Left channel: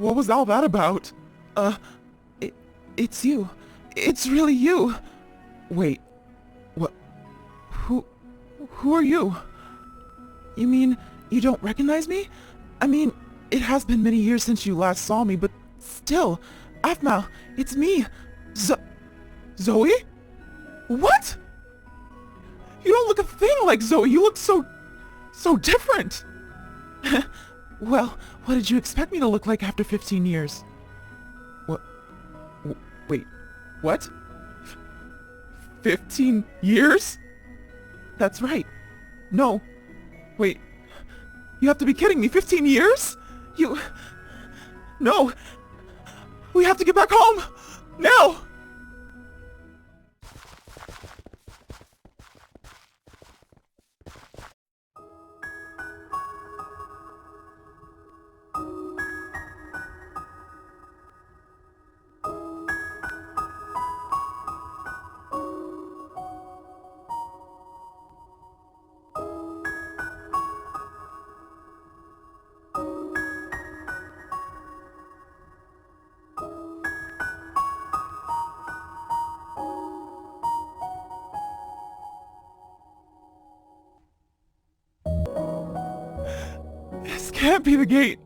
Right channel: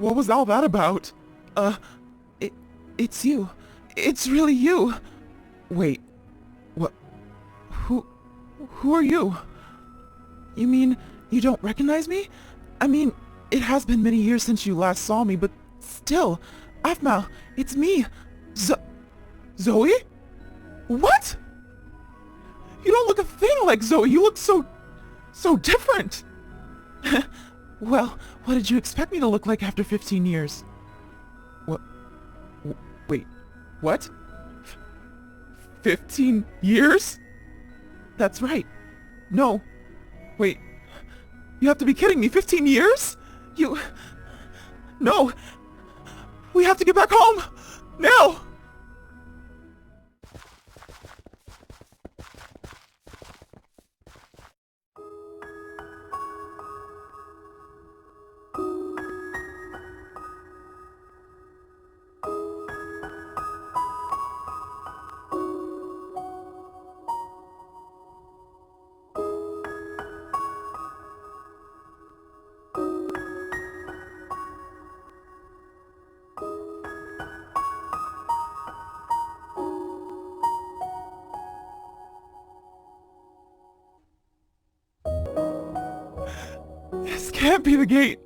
What was all that about? Uh, it's you. It's really you. Wait, what? Who are you? You mean you don't recognize me? I mean, it has been many years since you last saw me, but still, Aphmau, it's me. Zoe? What? You don't look a thing like Zoe. You look so different. Well, what did you expect me to look like after 15 years? What? Wait, what? 15 years? That's right. No. Wait. You have to be kidding me. 15 years? No. We have to get back home. Now. This can't be the gate.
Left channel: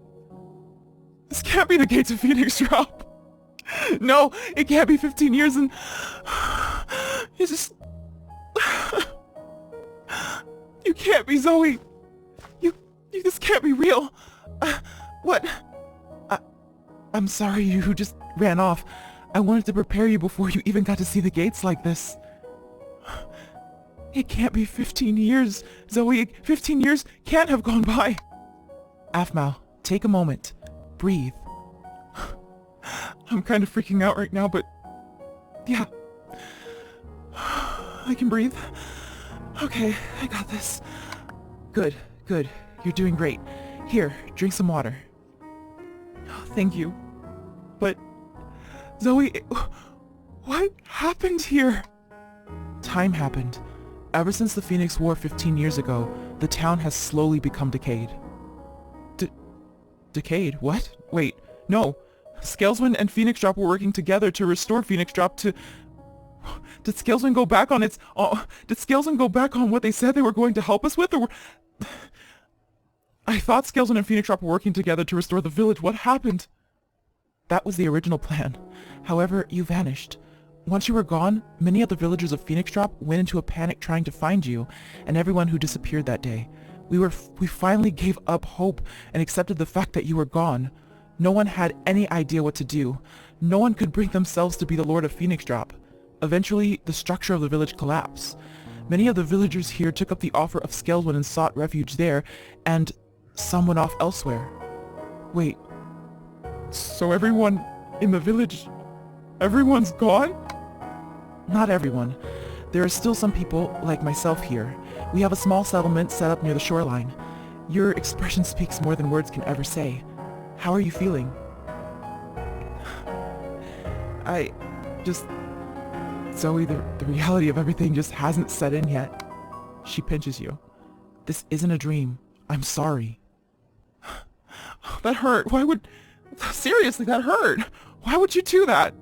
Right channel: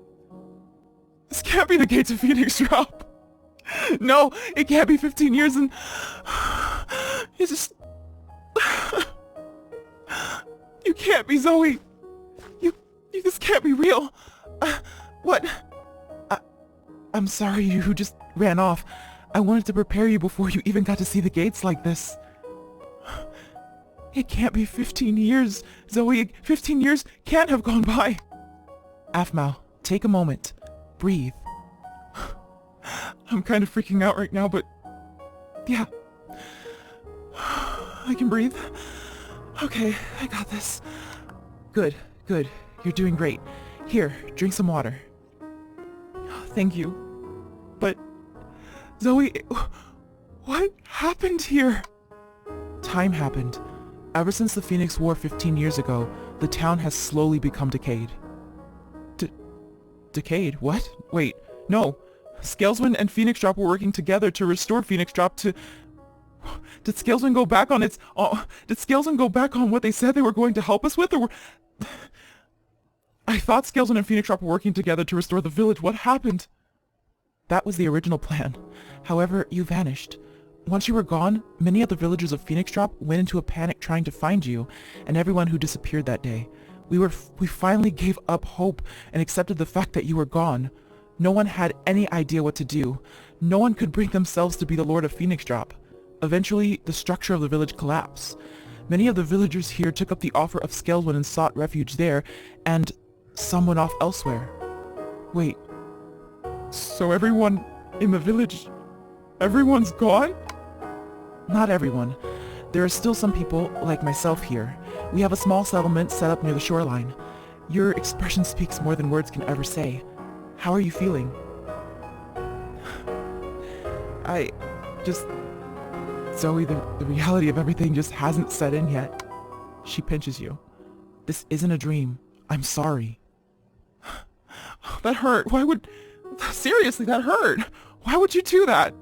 This can't be the gate to Phoenix Drop. No, it can't be 15 years and... You just... You can't be Zoe. You just can't be real. What? I'm sorry you just ran off. I wanted to prepare you before you even got to see the gates like this. It can't be 15 years, Zoe. 15 years can't have gone by. Aphmau, take a moment. Breathe. I'm kind of freaking out right now, but... Yeah. I can breathe. Okay, I got this. Good. You're doing great. Here, drink some water. Thank you. But... Zoe... What happened here? Time happened. Ever since the Phoenix War 15 years ago, the town has slowly become decayed. Decayed? What? Wait, no. Scaleswind and Phoenix Drop were working together to restore Phoenix Drop to... Did Scaleswind go back on its... Did Scaleswind go back on what they said they were going to help us with, or... I thought Scaleswind and Phoenix Drop were working together to restore the village. What happened? That was the original plan. However, you vanished. Once you were gone, many of the villagers of Phoenix Drop went into a panic trying to find you, and everyone who disappeared that day. We finally gave up hope and accepted the fact that you were gone. No one had any idea what to do. No one could bring themselves to be the Lord of Phoenix Drop. Eventually, the structure of the village collapsed. Many of the villagers here took up the offer of Scaleswind and sought refuge there, and some went off elsewhere. Wait, so everyone in the village, everyone's gone? Not everyone. There are still some people, like myself here. We have a small settlement set up near the shoreline. Your expression speaks more than words can ever say. How are you feeling? Zoe, the reality of everything just hasn't set in yet. She pinches you. This isn't a dream. I'm sorry. That hurt. Seriously, that hurt. Why would you do that?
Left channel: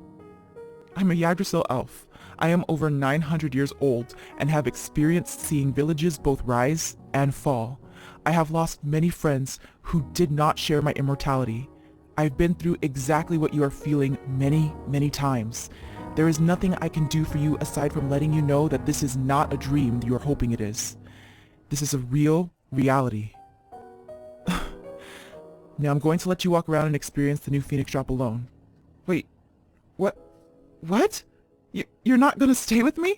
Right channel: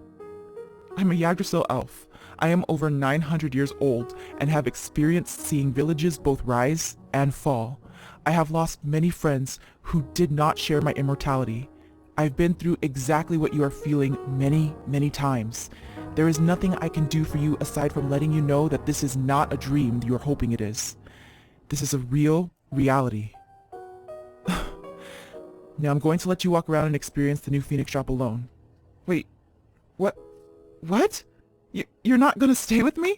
I'm a Yggdrasil elf. I am over 900 years old and have experienced seeing villages both rise and fall. I have lost many friends who did not share my immortality. I've been through exactly what you are feeling many times. There is nothing I can do for you aside from letting you know that this is not a dream you are hoping it is. This is a real reality. Now I'm going to let you walk around and experience the new Phoenix Drop alone. Wait, what? What? You're not gonna stay with me?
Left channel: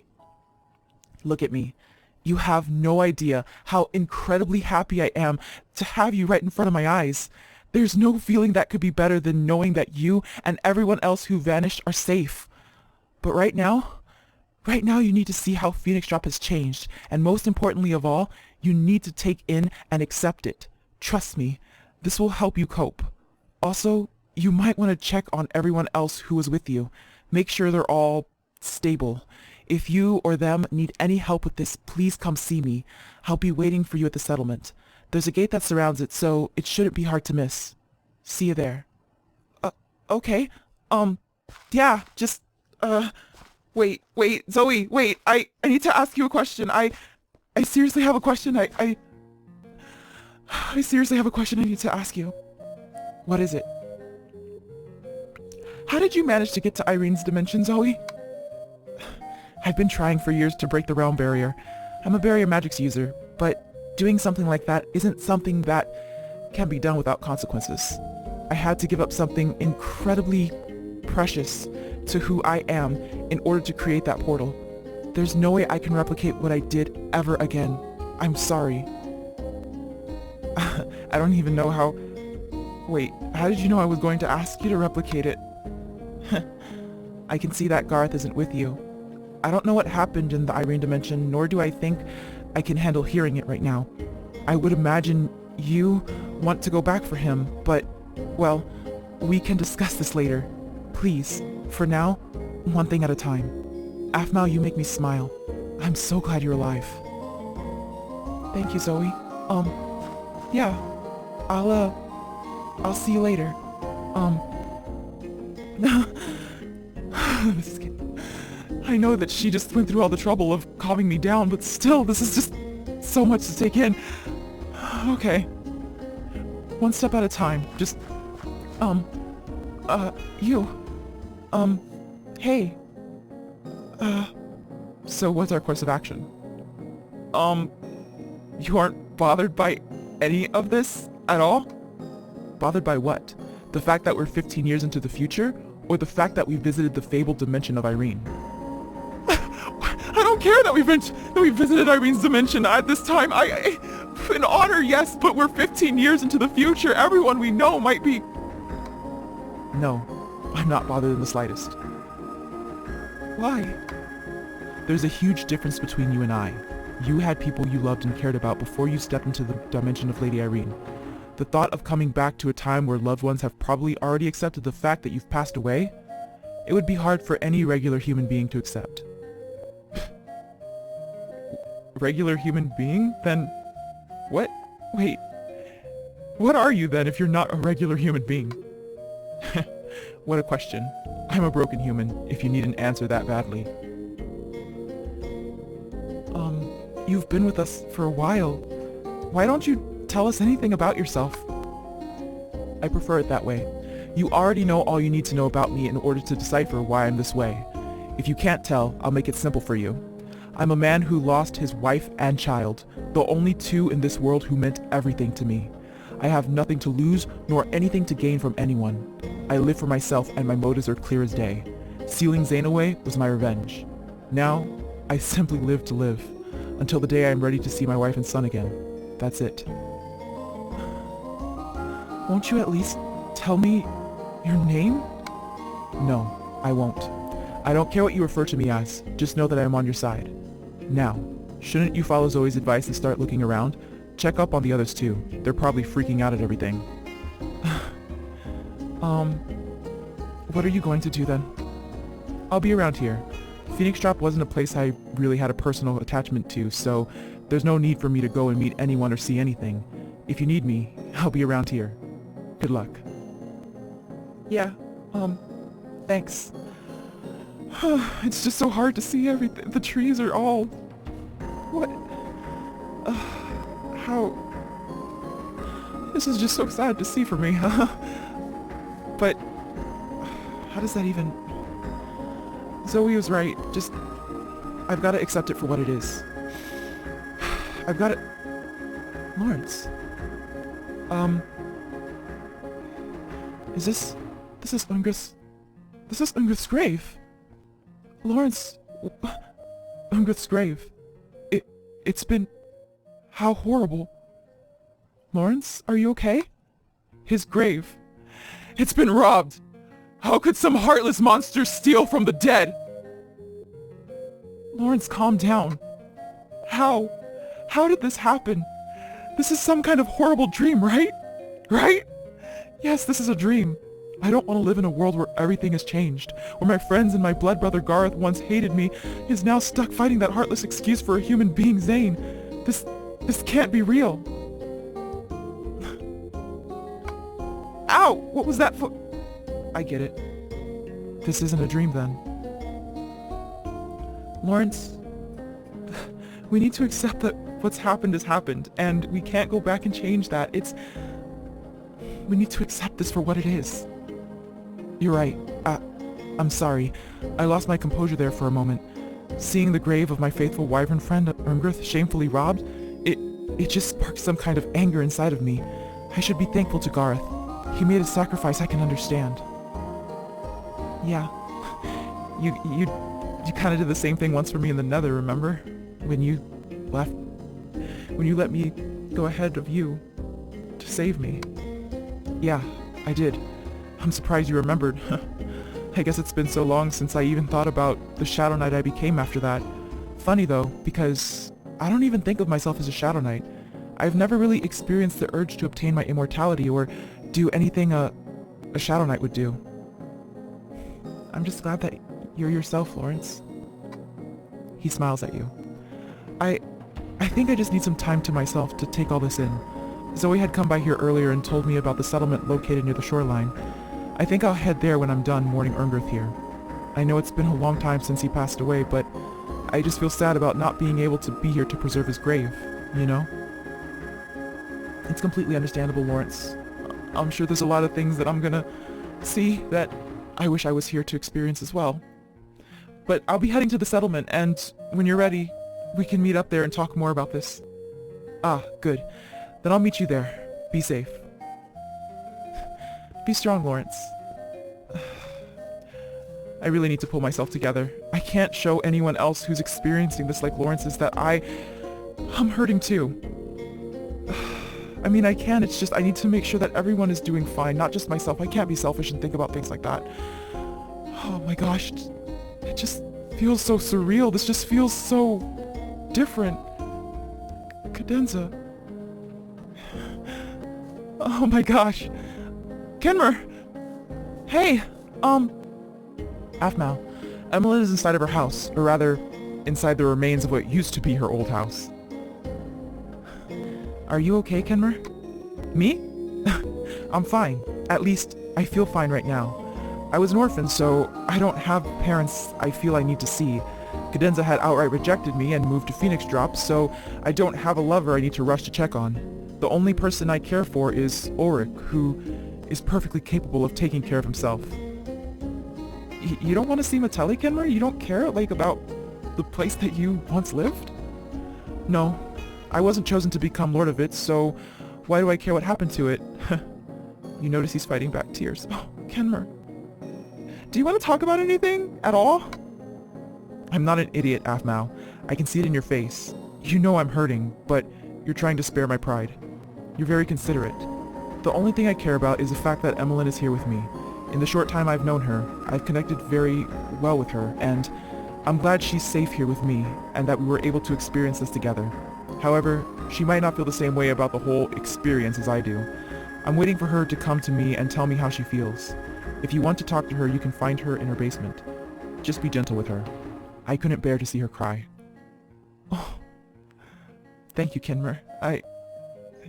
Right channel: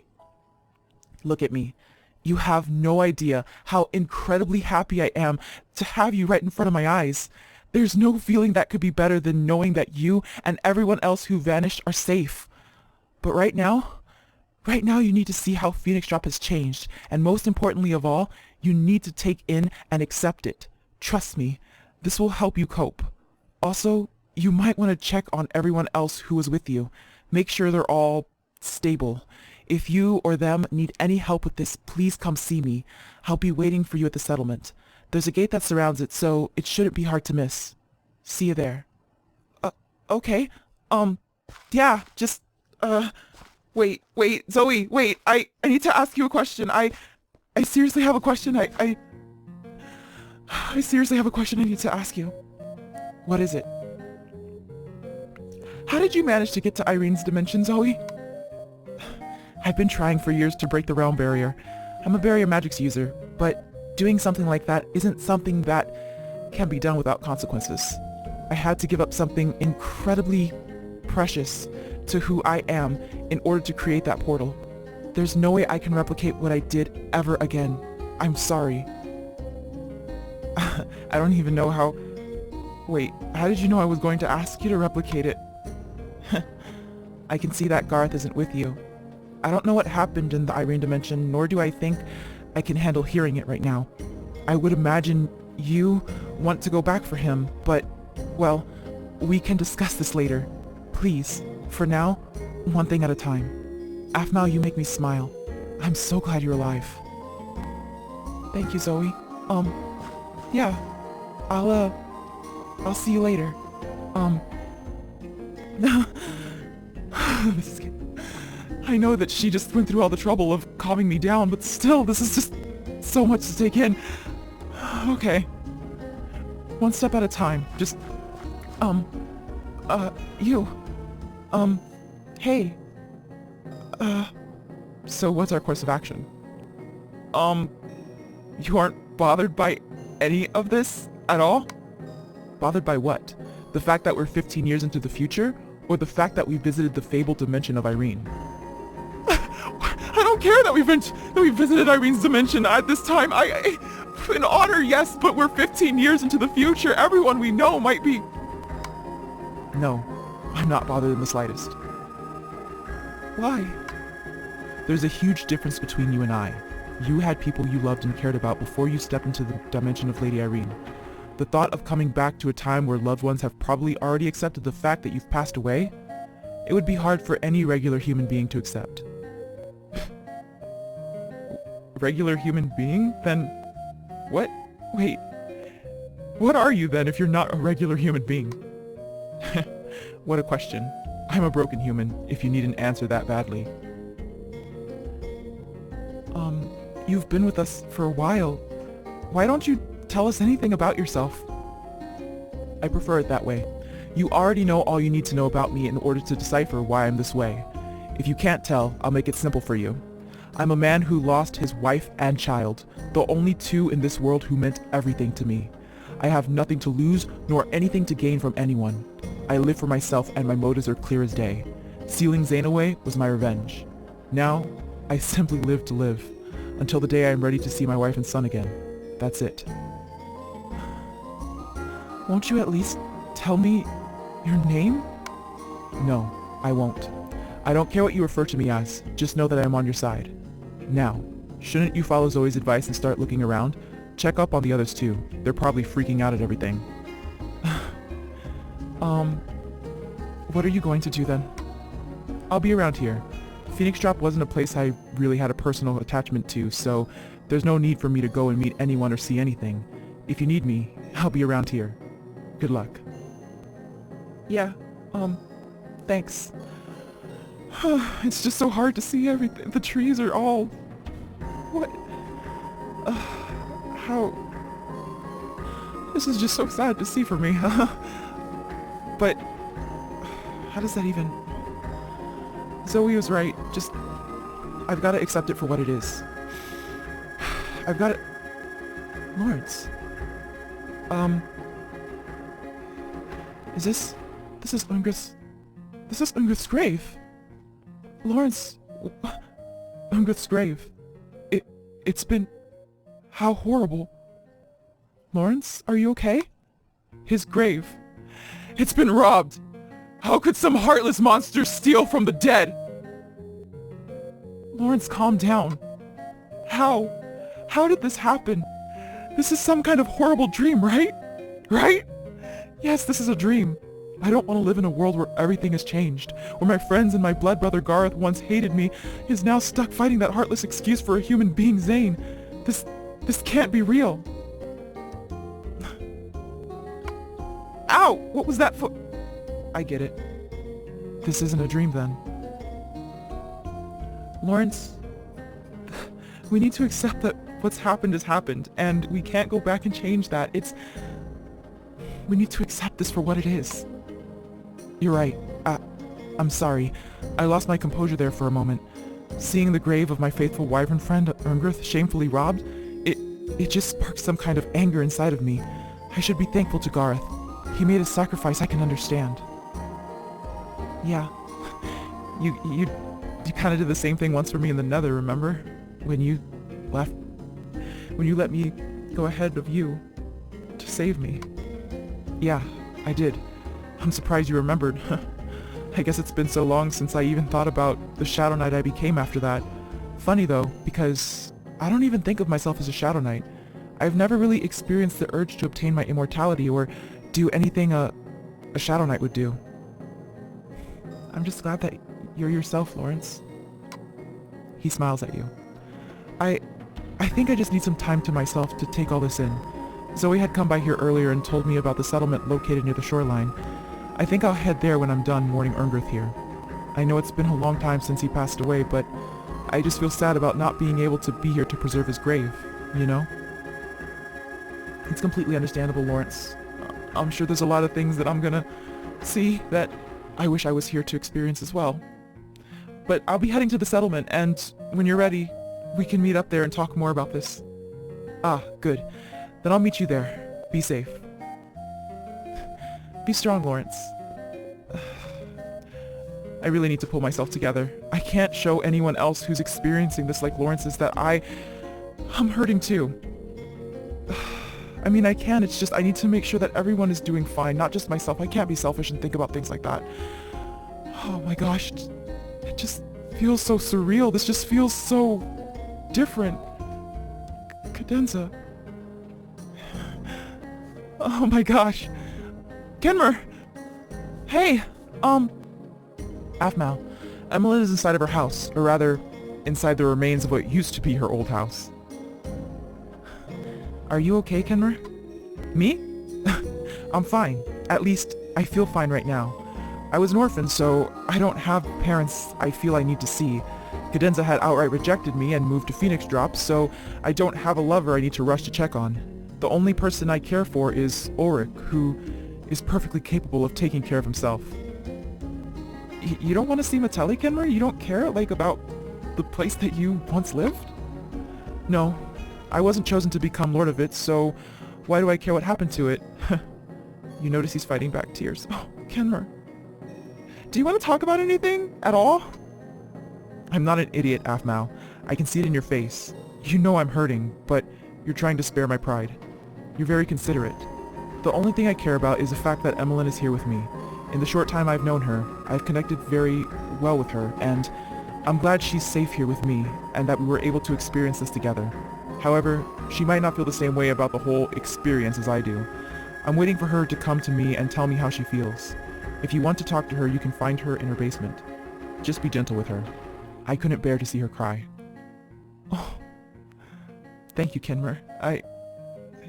Look at me. You have no idea how incredibly happy I am to have you right in front of my eyes. There's no feeling that could be better than knowing that you and everyone else who vanished are safe. But right now you need to see how Phoenix Drop has changed, and most importantly of all, you need to take in and accept it. Trust me, this will help you cope. Also, you might want to check on everyone else who was with you. Make sure they're all stable. If you or them need any help with this, please come see me. I'll be waiting for you at the settlement. There's a gate that surrounds it, so it shouldn't be hard to miss. See you there. Okay, yeah, just, wait, Zoe, wait, I need to ask you a question. I seriously have a question. I seriously have a question I need to ask you. What is it? How did you manage to get to Irene's dimension, Zoe? I've been trying for years to break the realm barrier. I'm a barrier magics user, but doing something like that isn't something that can be done without consequences. I had to give up something incredibly precious to who I am in order to create that portal. There's no way I can replicate what I did ever again. I'm sorry. I don't even know how... Wait, how did you know I was going to ask you to replicate it? I can see that Garth isn't with you. I don't know what happened in the Irene dimension, nor do I think I can handle hearing it right now. I would imagine you want to go back for him, but, well, we can discuss this later. Please, for now, one thing at a time. Aphmau, you make me smile. I'm so glad you're alive. Thank you, Zoe. Yeah, I'll see you later. I know that she just went through all the trouble of calming me down, but still, this is just so much to take in. Okay. One step at a time. Just, you. Hey. So what's our course of action? You aren't bothered by any of this at all? Bothered by what? The fact that we're 15 years into the future? Or the fact that we visited the fabled dimension of Irene? I don't care that we visited Irene's dimension at this time. An honor, yes, but we're 15 years into the future. Everyone we know might be... No, I'm not bothered in the slightest. Why? There's a huge difference between you and I. You had people you loved and cared about before you stepped into the dimension of Lady Irene. The thought of coming back to a time where loved ones have probably already accepted the fact that you've passed away, it would be hard for any regular human being to accept. Regular human being? Then what? Wait, what are you then if you're not a regular human being? What a question. I'm a broken human, if you need an answer that badly. You've been with us for a while. Why don't you tell us anything about yourself? I prefer it that way. You already know all you need to know about me in order to decipher why I'm this way. If you can't tell, I'll make it simple for you. I'm a man who lost his wife and child, the only two in this world who meant everything to me. I have nothing to lose, nor anything to gain from anyone. I live for myself and my motives are clear as day. Sealing Zane away was my revenge. Now, I simply live to live, until the day I am ready to see my wife and son again. That's it. Won't you at least tell me your name? No, I won't. I don't care what you refer to me as, just know that I am on your side. Now, shouldn't you follow Zoe's advice and start looking around? Check up on the others too. They're probably freaking out at everything. What are you going to do then? I'll be around here. Phoenix Drop wasn't a place I really had a personal attachment to, so there's no need for me to go and meet anyone or see anything. If you need me, I'll be around here. Good luck. Yeah, thanks. It's just so hard to see everything. The trees are all... What? How? This is just so sad to see for me, huh? But... how does that even... Zoe was right. Just... I've got to accept it for what it is. I've got to... Lawrence... Is this... This is Ungrith's grave. Lawrence... Ungrith's grave. It's been... How horrible. Lawrence, are you okay? His grave. It's been robbed. How could some heartless monster steal from the dead? Lawrence, calm down. How? How did this happen? This is some kind of horrible dream, right? Right? Yes, this is a dream. I don't want to live in a world where everything has changed, where my friends and my blood brother Garth once hated me is now stuck fighting that heartless excuse for a human being, Zane. This can't be real. Ow! What was that for? I get it. This isn't a dream then. Lawrence, we need to accept that what's happened has happened, and we can't go back and change that. We need to accept this for what it is. You're right. I'm sorry. I lost my composure there for a moment. Seeing the grave of my faithful wyvern friend Umgrith shamefully robbed, it just sparked some kind of anger inside of me. I should be thankful to Garth. He made a sacrifice I can understand. Yeah. You kind of did the same thing once for me in the Nether, remember? When you let me go ahead of you to save me. Yeah, I did. I'm surprised you remembered. I guess it's been so long since I even thought about the Shadow Knight I became after that. Funny though, because I don't even think of myself as a Shadow Knight. I've never really experienced the urge to obtain my immortality or do anything a Shadow Knight would do. I'm just glad that you're yourself, Lawrence. He smiles at you. I think I just need some time to myself to take all this in. Zoe had come by here earlier and told me about the settlement located near the shoreline. I think I'll head there when I'm done mourning Umgrith here. I know it's been a long time since he passed away, but I just feel sad about not being able to be here to preserve his grave, you know? It's completely understandable, Lawrence. I'm sure there's a lot of things that I'm gonna see that I wish I was here to experience as well. But I'll be heading to the settlement, and when you're ready, we can meet up there and talk more about this. Ah, good. Then I'll meet you there. Be safe. Be strong, Lawrence. I really need to pull myself together. I can't show anyone else who's experiencing this like Lawrence is that I'm hurting too. I mean, I can, it's just I need to make sure that everyone is doing fine, not just myself. I can't be selfish and think about things like that. Oh my gosh, it just feels so surreal. This just feels so different. Cadenza. Oh my gosh. Kenmer! Hey, Aphmau. Emmeline is inside of her house, or rather, inside the remains of what used to be her old house. Are you okay, Kenmer? Me? I'm fine. At least, I feel fine right now. I was an orphan, so I don't have parents I feel I need to see. Cadenza had outright rejected me and moved to Phoenix Drop, so I don't have a lover I need to rush to check on. The only person I care for is Ulrich, who is perfectly capable of taking care of himself. You don't want to see Mattelli, Kenmer? You don't care, like, about the place that you once lived? No. I wasn't chosen to become Lord of it, so why do I care what happened to it? You notice he's fighting back tears. Oh, Kenmer. Do you want to talk about anything at all? I'm not an idiot, Aphmau. I can see it in your face. You know I'm hurting, but you're trying to spare my pride. You're very considerate. The only thing I care about is the fact that Emmeline is here with me. In the short time I've known her, I've connected very well with her, and I'm glad she's safe here with me, and that we were able to experience this together. However, she might not feel the same way about the whole experience as I do. I'm waiting for her to come to me and tell me how she feels. If you want to talk to her, you can find her in her basement. Just be gentle with her. I couldn't bear to see her cry. Oh, thank you, Kenmer.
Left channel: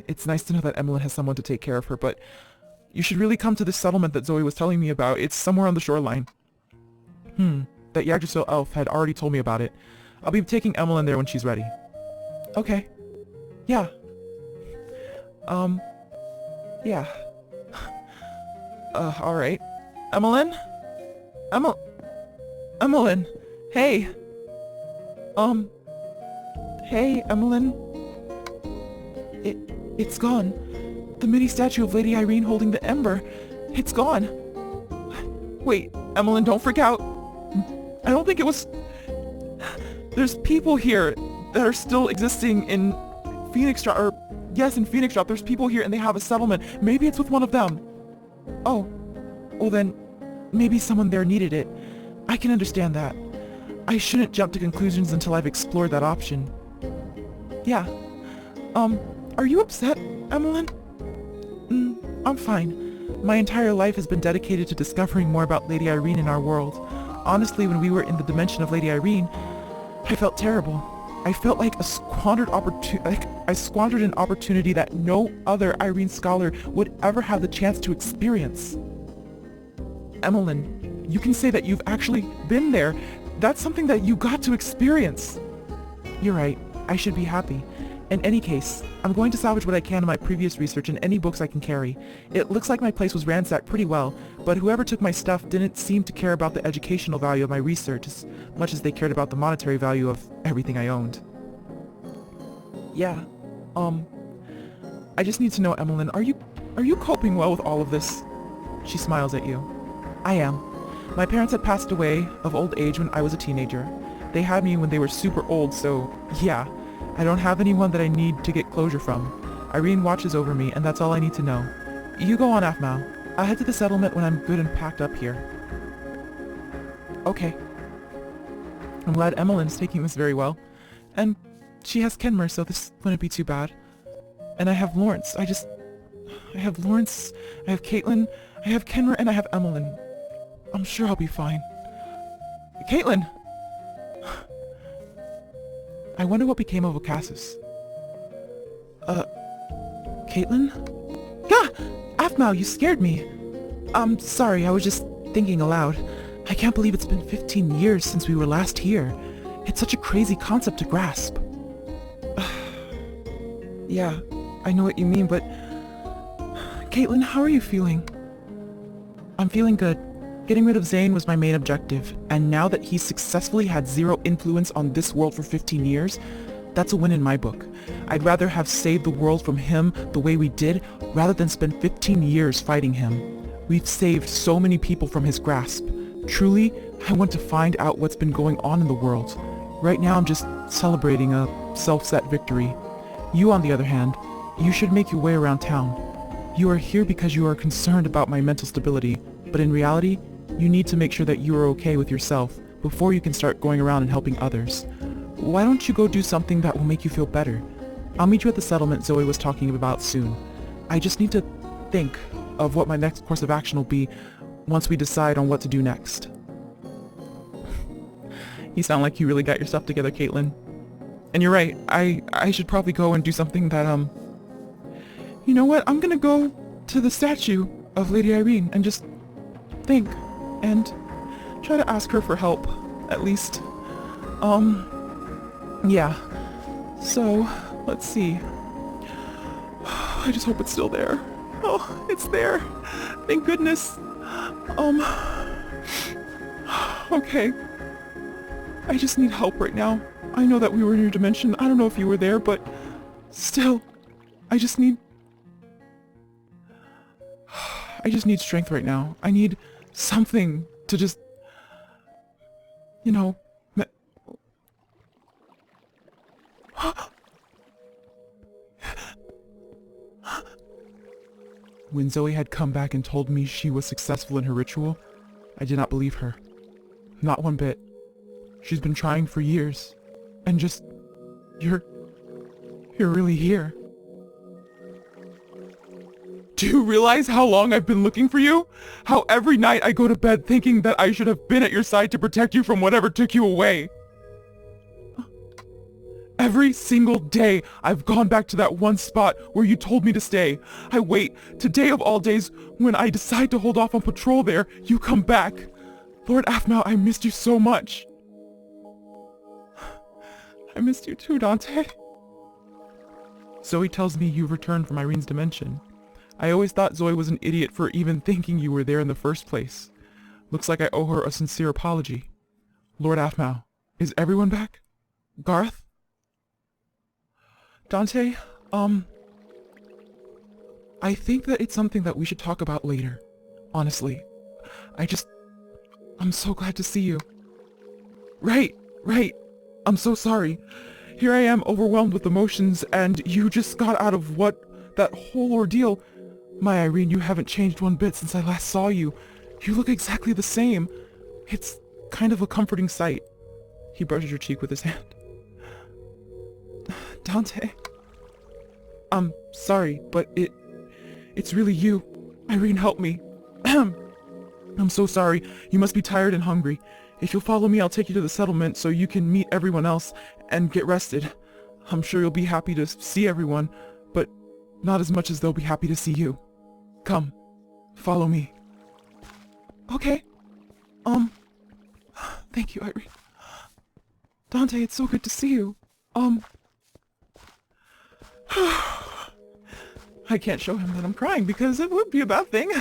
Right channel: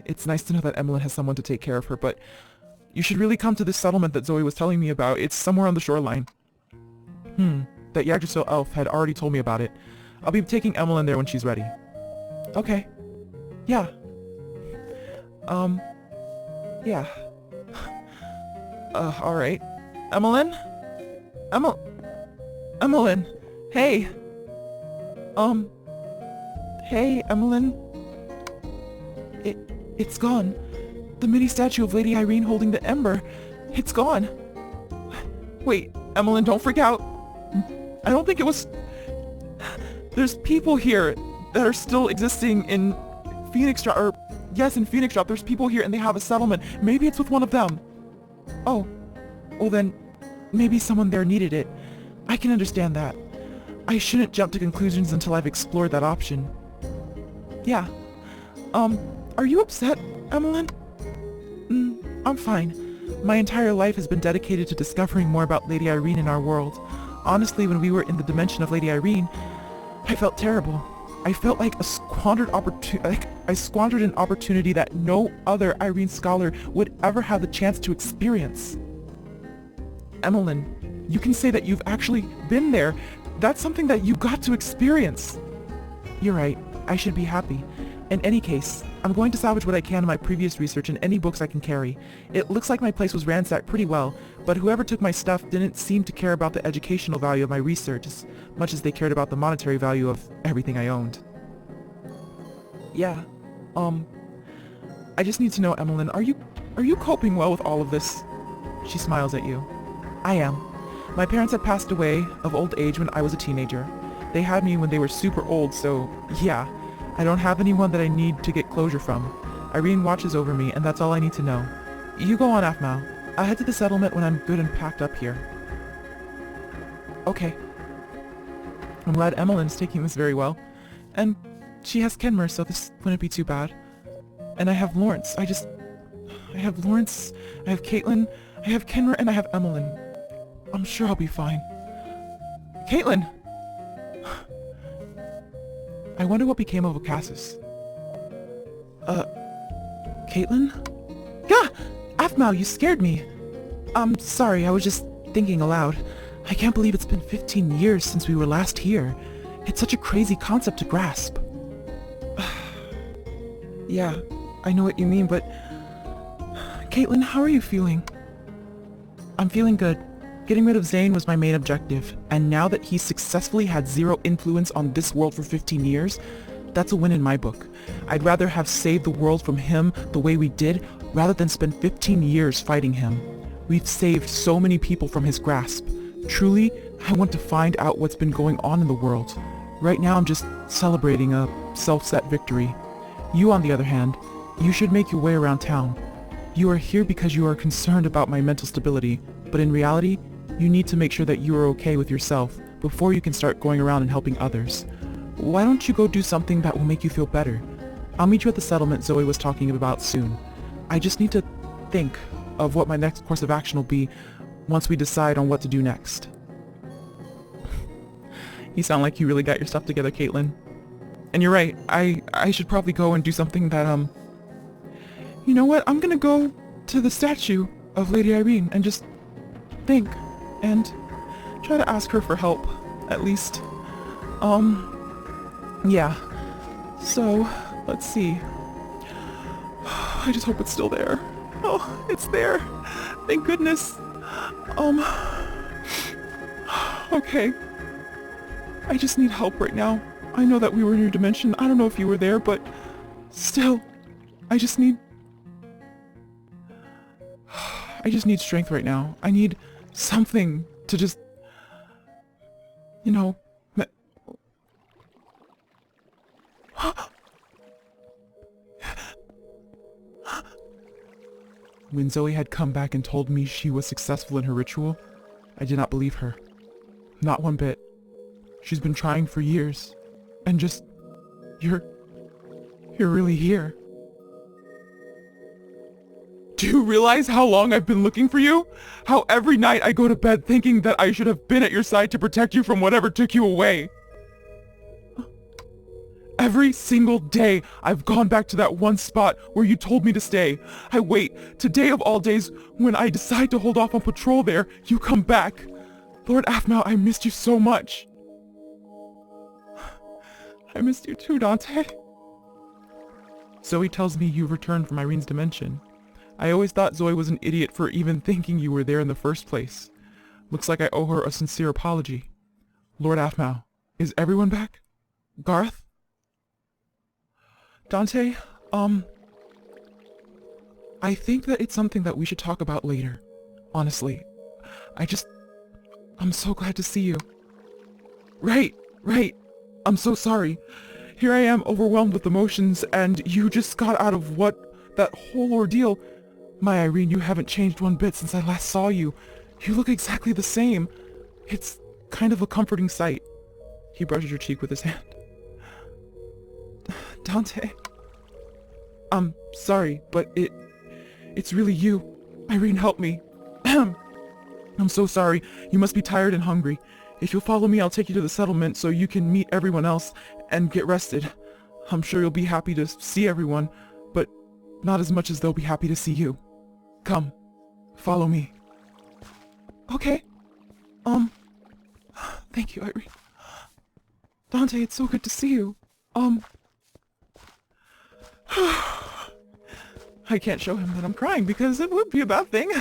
It's nice to know that Emmeline has someone to take care of her, but you should really come to this settlement that Zoe was telling me about. It's somewhere on the shoreline. That Yggdrasil elf had already told me about it. I'll be taking Emmeline there when she's ready. Okay. Yeah. Yeah. Alright. Emmeline? Emmeline! Hey! Hey, Emmeline? It's gone. The mini statue of Lady Irene holding the ember. It's gone. Wait, Emmeline, don't freak out. I don't think it was... There's people here that are still existing in Phoenix Drop, or... Yes, in Phoenix Drop, there's people here and they have a settlement. Maybe it's with one of them. Oh. Well then, maybe someone there needed it. I can understand that. I shouldn't jump to conclusions until I've explored that option. Yeah. Are you upset, Emmeline? I'm fine. My entire life has been dedicated to discovering more about Lady Irene in our world. Honestly, when we were in the dimension of Lady Irene, I felt terrible. I felt like I squandered an opportunity that no other Irene scholar would ever have the chance to experience. Emmeline, you can say that you've actually been there. That's something that you got to experience. You're right. I should be happy. In any case, I'm going to salvage what I can of my previous research and any books I can carry. It looks like my place was ransacked pretty well, but whoever took my stuff didn't seem to care about the educational value of my research as much as they cared about the monetary value of everything I owned. Yeah, I just need to know, Emmeline, are you coping well with all of this? She smiles at you. I am. My parents had passed away of old age when I was a teenager. They had me when they were super old, so yeah. I don't have anyone that I need to get closure from. Irene watches over me, and that's all I need to know. You go on, Aphmau. I'll head to the settlement when I'm good and packed up here. Okay. I'm glad Emmeline is taking this very well. And she has Kenmer, so this wouldn't be too bad. And I have Lawrence. I have Lawrence, I have Caitlin, I have Kenmer, and I have Emmeline. I'm sure I'll be fine. Caitlin! I wonder what became of Ocassus. Caitlin? Yeah! Aphmau, you scared me! Sorry, I was just thinking aloud. I can't believe it's been 15 years since we were last here. It's such a crazy concept to grasp. Yeah, I know what you mean, but... Caitlin, how are you feeling? I'm feeling good. Getting rid of Zane was my main objective, and now that he's successfully had zero influence on this world for 15 years, that's a win in my book. I'd rather have saved the world from him the way we did, rather than spend 15 years fighting him. We've saved so many people from his grasp. Truly, I want to find out what's been going on in the world. Right now I'm just celebrating a self-set victory. You, on the other hand, you should make your way around town. You are here because you are concerned about my mental stability, but in reality, you need to make sure that you are okay with yourself before you can start going around and helping others. Why don't you go do something that will make you feel better? I'll meet you at the settlement Zoe was talking about soon. I just need to think of what my next course of action will be once we decide on what to do next. You sound like you really got your stuff together, Caitlin. And you're right, I should probably go and do something that, You know what, I'm gonna go to the statue of Lady Irene and just think and try to ask her for help, at least. Yeah. So, let's see. I just hope it's still there. Oh, it's there. Thank goodness. Okay. I just need help right now. I know that we were in your dimension. I don't know if you were there, but still, I just need strength right now. I need something to just, When Zoe had come back and told me she was successful in her ritual, I did not believe her. Not one bit. She's been trying for years. And just... You're really here. Do you realize how long I've been looking for you? How every night I go to bed thinking that I should have been at your side to protect you from whatever took you away? Every single day, I've gone back to that one spot where you told me to stay. I wait. Today of all days, when I decide to hold off on patrol there, you come back. Lord Aphmau, I missed you so much. I missed you too, Dante. Zoe tells me you returned from Irene's dimension. I always thought Zoe was an idiot for even thinking you were there in the first place. Looks like I owe her a sincere apology. Lord Aphmau, is everyone back? Garth? Dante, I think that it's something that we should talk about later. Honestly. I'm so glad to see you. Right. I'm so sorry. Here I am overwhelmed with emotions, and you just got out of that whole ordeal. My Irene, you haven't changed one bit since I last saw you. You look exactly the same. It's kind of a comforting sight. He brushes your cheek with his hand. Dante. I'm sorry, but it's really you. Irene, help me. I'm so sorry. You must be tired and hungry. If you'll follow me, I'll take you to the settlement so you can meet everyone else and get rested. I'm sure you'll be happy to see everyone, but not as much as they'll be happy to see you. Come, follow me. Okay. Thank you, Irene. Dante, it's so good to see you. I can't show him that I'm crying because it won't be a bad thing.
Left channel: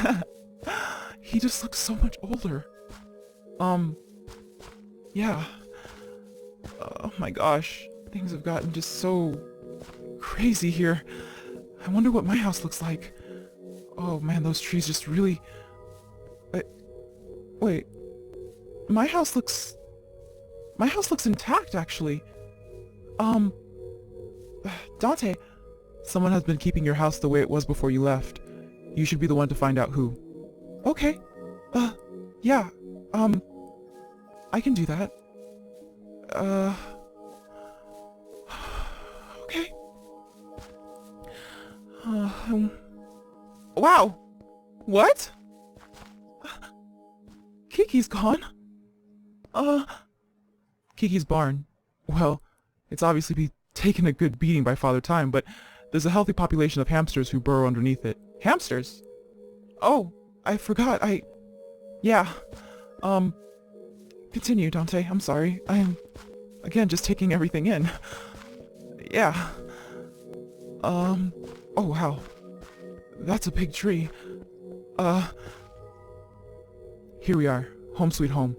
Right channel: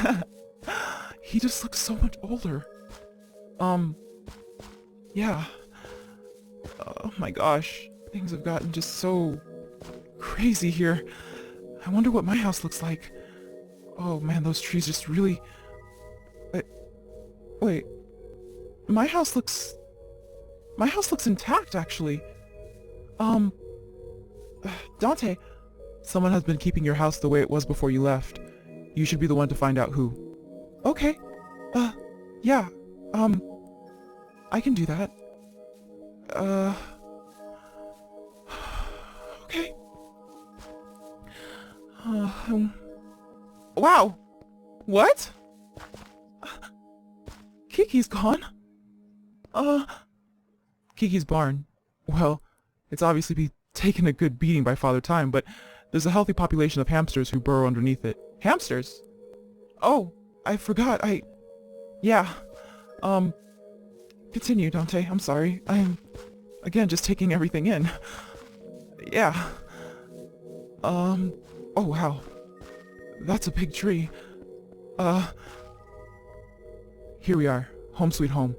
He just looks so much older. Yeah. Oh my gosh. Things have gotten just so crazy here. I wonder what my house looks like. Oh man, those trees just really... Wait. My house looks intact, actually. Dante, someone has been keeping your house the way it was before you left. You should be the one to find out who. Okay. Yeah. I can do that. Okay. Wow! What? Kiki's gone. Kiki's barn. Well, it's obviously taken a good beating by Father Time, but there's a healthy population of hamsters who burrow underneath it. Hamsters? Oh, I forgot. Yeah. Continue, Dante. I'm sorry. I'm, again, just taking everything in. Yeah. Oh, wow. That's a big tree. Here we are. Home sweet home.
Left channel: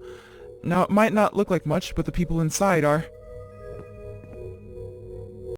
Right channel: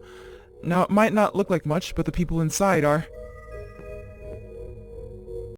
Now, it might not look like much, but the people inside are...